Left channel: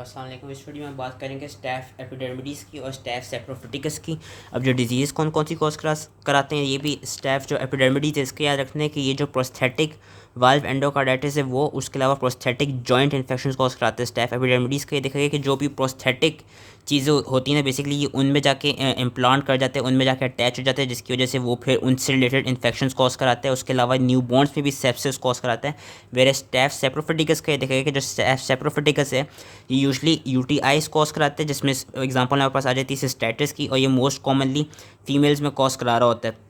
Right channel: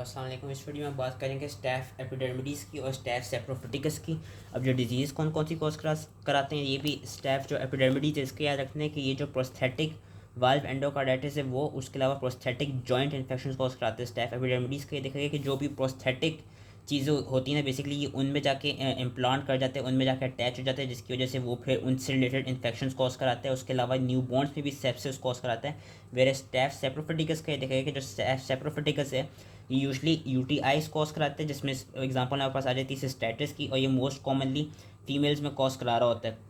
अस्सलाम वालेकुम। इस वीडियो में बात करेंगे स्टैफ एपिडर्मिडीज़ की और स्टैफ सेप्रोफिटिकस की। अब जो डिजीज़ कौन कौन सी कॉज कराते हैं, ये भी स्टैफ जो एपिडर्मिडीज़ है इसके याद रखने कि ये जो प्रोस्थेटिक वाल्व एंडोकार्डाइटिस है वो, उसके अलावा प्रोस्थेटिक जॉइंट इन्फेक्शन कॉज कराते हैं स्टैफ एपिडर्मिडीज़ के। ये देखा गया कि जो भी प्रोस्थेटिक चीज़ें होती हैं ना, बेसिकली ये उनमें जाके इम्प्लांट कर जाते हैं, उनमें जाके अटैच हो जाते हैं, जिसकी वजह से वो फिर उनसे रिलेटेड इन्फेक्शंस कॉज कराते हैं। उसके अलावा न्यू बॉर्न्स में भी सेप्सिस कॉज कराता है। वेरे स्टैफ सेप्रोफिटिकस का ये देखा गया कि जो स्टैफ सेप्रोफिटिकस है ये यूजली यूटीआईज कॉज कराते हैं, जिसमें एग्जांपल हमारे पास आ जाती है सिस्टाइटिस की, और ये मोस्ट कॉमनली फीमेल्स में कॉज करा रहा होता है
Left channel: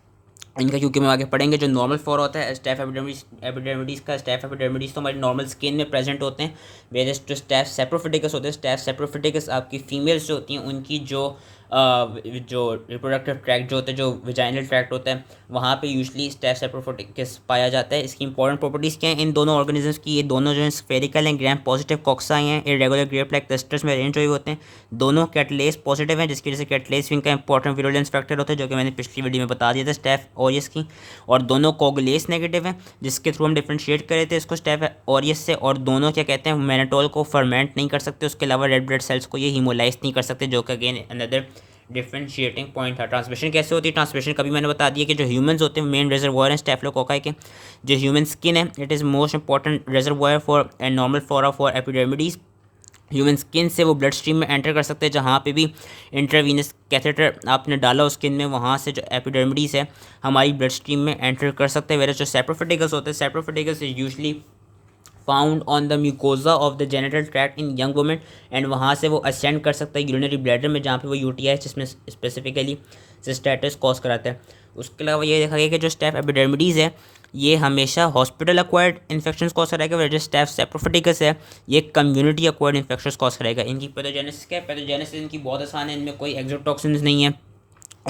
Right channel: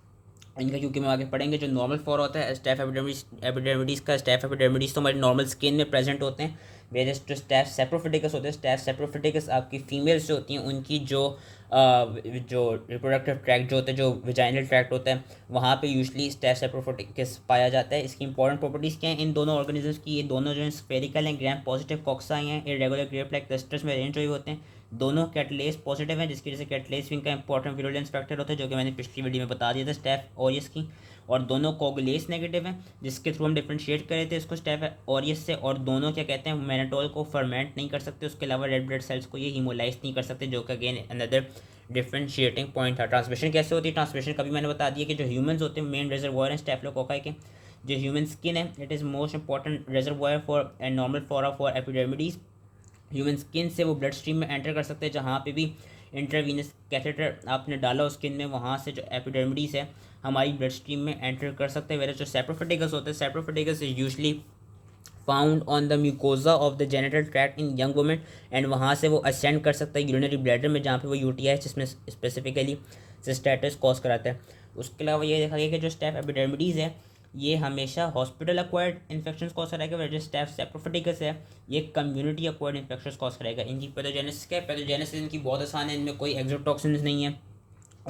इनका, क्योंकि हम आगे पढ़ेंगे जो नॉर्मल फ्लोरा होता है स्टैफ एपिडर्मिडीज़ का। स्टैफ एपिडर्मिडीज़ तो हमारी नॉर्मल स्किन में प्रेजेंट होते हैं, वेरियस जो स्टैफ सेप्रोफिटिकस होते हैं, स्टैफ सेप्रोफिटिकस आपकी फीमेल्स जो होती हैं उनकी जो रिप्रोडक्टिव ट्रैक्ट जो होता है, जो विजाइनल ट्रैक्ट होता है, वहाँ पे यूजली स्टैफ सेप्रोफिटिकस पाया जाता है। इसकी इंपॉर्टेंट प्रॉपर्टीज़ क्या हैं इन दोनों ऑर्गेनिजम्स की? ये दोनों जो है स्फेरिकल एंड ग्राम पॉजिटिव कॉक्साई हैं, इरेगुलर ग्रेप लाइक क्लस्टर्स में अरेंज हुए होते हैं। दोनों कैटलेस पॉजिटिव हैं, जिसकी वजह से कैटलेस विंग का इंपॉर्टेंट विरुलेंस फैक्टर होता है, जो कि मैंने पिछली वीडियो में बता दिया था स्टैफ ऑरियस की। और दोनों कोगुलेस नेगेटिव हैं, जिसके थ्रू हम डिफ्रेंशिएट कर रहे थे इसको स्टैफ ऑरियस से। और दोनों क्या कहते हैं, मैनेटोल को फर्मेंट नहीं कर सकते, उसके अलावा रेड ब्लड सेल्स को ये हीमोलाइज नहीं कर सकते, जो कि अगेन अनदर डिफ्रेंशिएटिंग पॉइंट था। ट्रांसमिशन कैसे होती है? ट्रांसमिशन कभी मैंने बता दिया कि जो ह्यूमंस होते हैं मेन रिजर्वोयर हैं स्टेफिलोकोकाई के। जो ह्यूमन स्किन है it is most important reservoir for and normal flora for epidermidis. Human skin से वो ब्लड स्ट्रीम में एंटर कर सकते हैं, जहाँ पे भी इंट्रावीनस कैथेटर आपने डाला उस स्किन में, वहाँ से जो एपिडर्मिडीज़ है हमारी ब्लड स्ट्रीम में एंटर कर सकते हैं। वेरे जो सेप्रोफिटिकस होते हैं, saprophyticus usually found on the mucosa of the genital tract in young women, and वहाँ से वो असेंड कर सकता है यूरिनरी ब्लैडर में, जहाँ पे वो यूटीआई जिसमें स्पेसिफिकली सिस्टाइटिस कॉज कराता है। उसके अलावा ये देखा गया कि जो स्टैफ एपिडर्मिडीज़ है ये हमेशा हॉस्पिटल एक्वायर्ड इन्फेक्शन कॉज कराएगा, वह जो स्टैफ सेप्रोफिटिकस है ये कम्युनिटी एक्वायर्ड इन्फेक्शन कॉज कराएगा। इनकी पैथोजेनेसिस क्या है? पैथोजेनेसिस इनकी बहुत आसान है, इनमें कोई एक्सोटॉक्सिन्स नहीं है,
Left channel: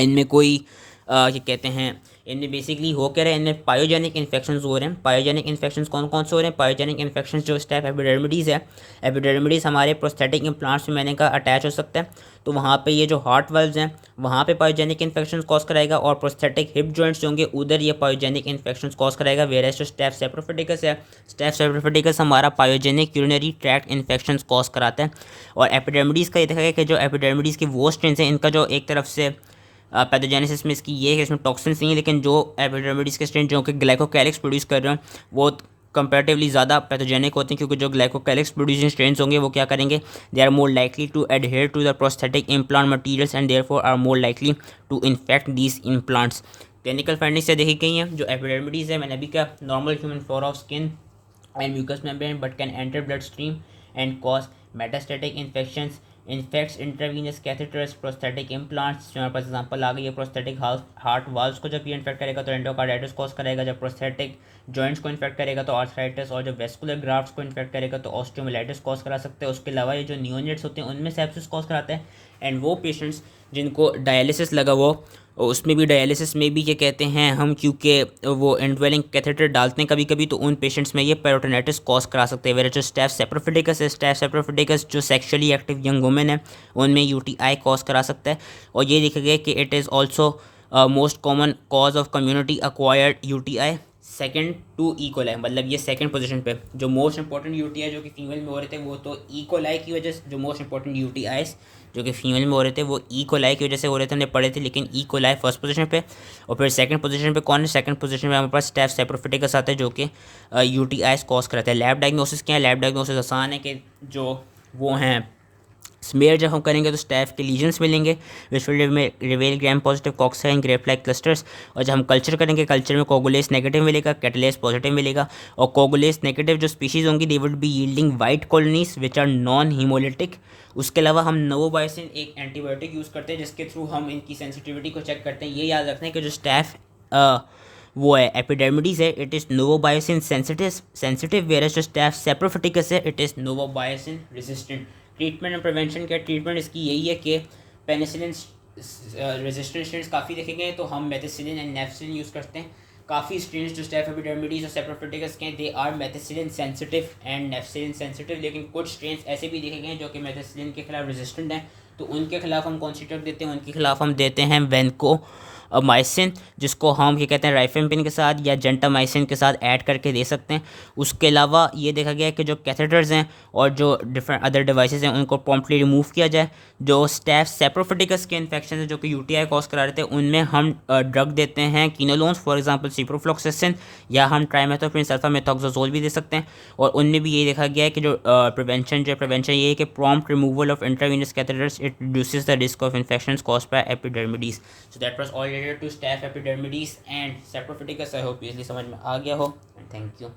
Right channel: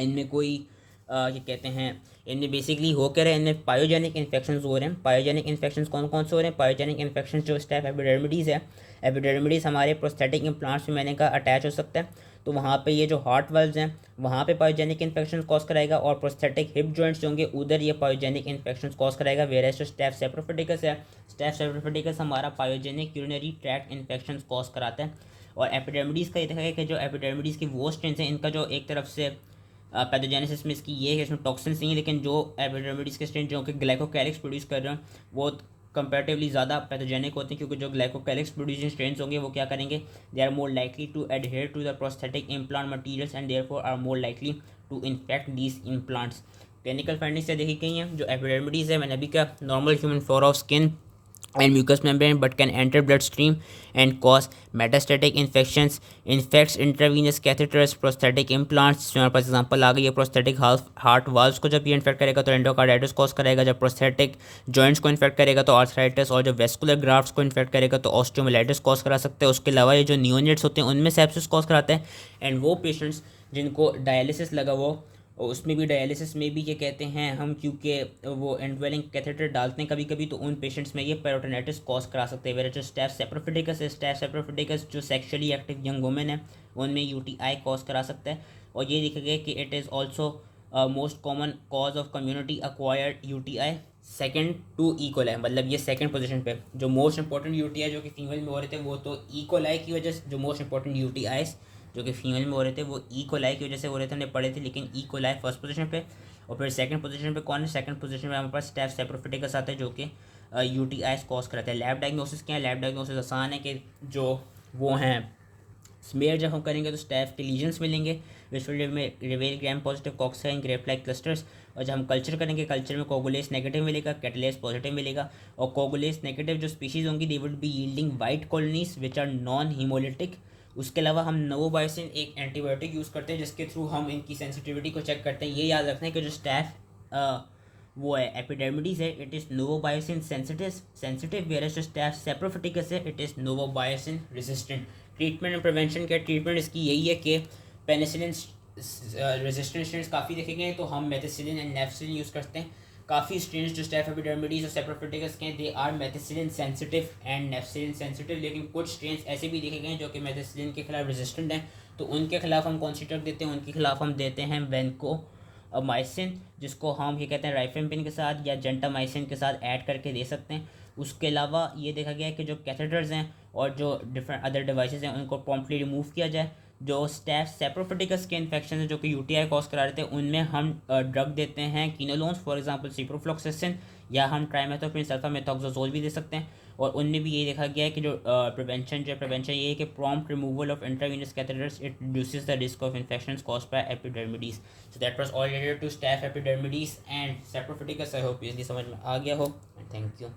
इनमें कोई क्या कहते हैं, इनमें बेसिकली हो क्या रहे हैं, इनमें पायोजेनिक इन्फेक्शंस हो रहे हैं। पायोजेनिक इन्फेक्शंस कौन कौन से हो रहे हैं? पायोजेनिक इन्फेक्शंस जो स्टैफ एपिडर्मिडीज़ है, एपिडर्मिडीज़ हमारे प्रोस्थेटिक इम्प्लांट्स में मैंने कहा अटैच हो सकता है, तो वहाँ पे ये जो हार्ट वाल्व्स हैं वहाँ पे पायोजेनिक इन्फेक्शंस कॉज कराएगा, और प्रोस्थेटिक हिप जॉइंट्स होंगे उधर ये पायोजेनिक इन्फेक्शंस कॉज कराएगा। वेरेस जो स्टैफ सेप्रोफिटिकस है, स्टैफ सेप्रोफिटिकस हमारा pyogenic urinary tract infections cause कराता है। और एपिडर्मिडीज़ का ये देखा गया कि जो एपिडर्मिडीज़ की वो स्ट्रेन्स हैं इनका जो एक तरफ से पैथोजेनेसिस में इसकी ये है कि इसमें टॉक्सिन्स नहीं है, लेकिन जो एपिडर्मिडीज़ के स्ट्रेन जो कि ग्लाइकोकैलिक्स प्रोड्यूस कर रहे हैं वो कंपेरेटिवली ज़्यादा पैथोजेनिक होते हैं, क्योंकि जो ग्लाइकोकैलिक्स प्रोड्यूसिंग स्ट्रेन्स होंगे वो क्या करेंगे, they are more likely to adhere to the prosthetic implant materials and therefore are more likely to infect these implants. Clinical findings से देखी गई हैं जो एपिडर्मिडीज़ है, मैंने अभी कहा normal human flora of skin and mucous membrane but can enter bloodstream and cause metastatic infections, infects intravenous catheters, prosthetic implants। जो हमारे पास एग्जांपल आ गई है, प्रोस्थेटिक हार्ट वाल्व्स को जब ये इन्फेक्ट करेगा तो एंडोकार्डाइटिस कॉज करेगा, जब प्रोस्थेटिक जॉइंट्स को इन्फेक्ट करेगा तो आर्थराइटिस, और जब वेस्कुलर ग्राफ्ट्स को इन्फेक्ट करेगा तो ऑस्टियोमाइलाइटिस कॉज करा सकते हैं। उसके अलावा ये जो नियोनेट्स होते हैं उनमें सेप्सिस कॉज कराते हैं, एंड वो पेशेंट्स जिनको डायलिसिस लगा वो उसमें भी डायलिसिस में भी ये कहते हैं हम, क्योंकि वो इनड्वेलिंग कैथेटर डालते हैं कभी कभी, तो उन पेशेंट्स में ये पेरिटोनिटिस कॉज करा सकते हैं। वेरे जो स्टैफ सेप्रोफिटिकस है, स्टैफ सेप्रोफिटिकस जो सेक्सुअली एक्टिव यंग वुमेन है उनमें यूटीआई कॉज करा सकता है। और ये देखा गया कि it is also most common cause of community acquired UTI second to E coli, मतलब ये सेकंड पोजीशन पे। जो मोस्ट इंपॉर्टेंट यूटीआई जो कि फीमेल में हो रहे थे वो तो इकोलाई की वजह से, जो मोस्ट इंपॉर्टेंट यूटीआईज जो कि फीमेल में हो रहे थे वो इकोलाई की वजह से हो रहे थे, हमने पढ़े थे, लेकिन इकोलाई फर्स्ट पोजीशन पे। और फिर सेकंड पोजीशन पे कौन है? सेकंड पोजीशन पे हमारे पास स्टैफ सेप्रोफिटिकस आता है जो कि यूटीआईज कॉज कराता है। लैब डायग्नोसिस क्या है? लैब डायग्नोसिस आसान है कि जो वो हैं स्मेयर जब हम करेंगे तो स्टैफ के लीजन्स मिलेंगे which will may reveal gram positive cocci and grape like clusters. और जब हम कल्चर करेंगे कल्चर में कोगुलेस नेगेटिव मिलेगा, कैटलेस पॉजिटिव मिलेगा। और कोगुलेस नेगेटिव जो स्पीशीज़ होंगी they would be yielding white colonies which are non haemolytic. उसके अलावा हम नोवोबायोसिन एक एंटीबायोटिक यूज़ करते हैं जिसके थ्रू हम इनकी सेंसिटिविटी को चेक करते हैं। ये याद रखना है कि जो स्टैफ वो है एपिडर्मिडीज़ है it is novobiocin sensitive, whereas जो स्टैफ सेप्रोफिटिकस है it is novobiocin resistant. Treatment and prevention क्या? ट्रीटमेंट इसकी यही है कि पेनिसिलिन रेजिस्टेंट स्ट्रेन्स काफ़ी देखे गए हैं, तो हम मेथिसिलिन एंड नेफसिलिन यूज़ करते हैं। काफ़ी स्ट्रेन्स जो स्टैफ एपिडर्मिडीज़ और सेप्रोफिटिकस के हैं they are methicillin sensitive and nafcillin sensitive, लेकिन कुछ स्ट्रेन्स ऐसे भी देखे गए हैं जो कि मेथिसिलिन के खिलाफ रेजिस्टेंट हैं, तो उनके खिलाफ हम कौन सी ड्रग देते हैं? उनके खिलाफ हम देते हैं वेनको माइसिन, जिसको हम ये कहते हैं राइफेम्पिन के साथ या जेंटामाइसिन के साथ ऐड करके दे सकते हैं। उसके अलावा ये देखा गया है कि जो कैथेटर्स हैं और जो डिफरेंट अदर डिवाइसेस हैं उनको प्रॉम्प्टली रिमूव किया जाए। जो स्टेफ सेप्रोफिटिकस के इन्फेक्शन है जो कि यूटीआई कॉज करा रहे थे, उनमें हम ड्रग देते हैं कीनोलोन्स, फॉर एग्जांपल सिप्रोफ्लॉक्सासिन, या हम ट्राइमेथोप्रिन सल्फामेथोक्साजोल भी दे सकते हैं। और उनमें भी ये देखा गया है कि जो प्रिवेंशन ये है कि prompt removal of intravenous catheters, it reduces the risk of infections caused by epidermidis. So that was all related to staph epidermidis and saprophyticus. I hope ये समझ में आ गया हो, एंड थैंक यू।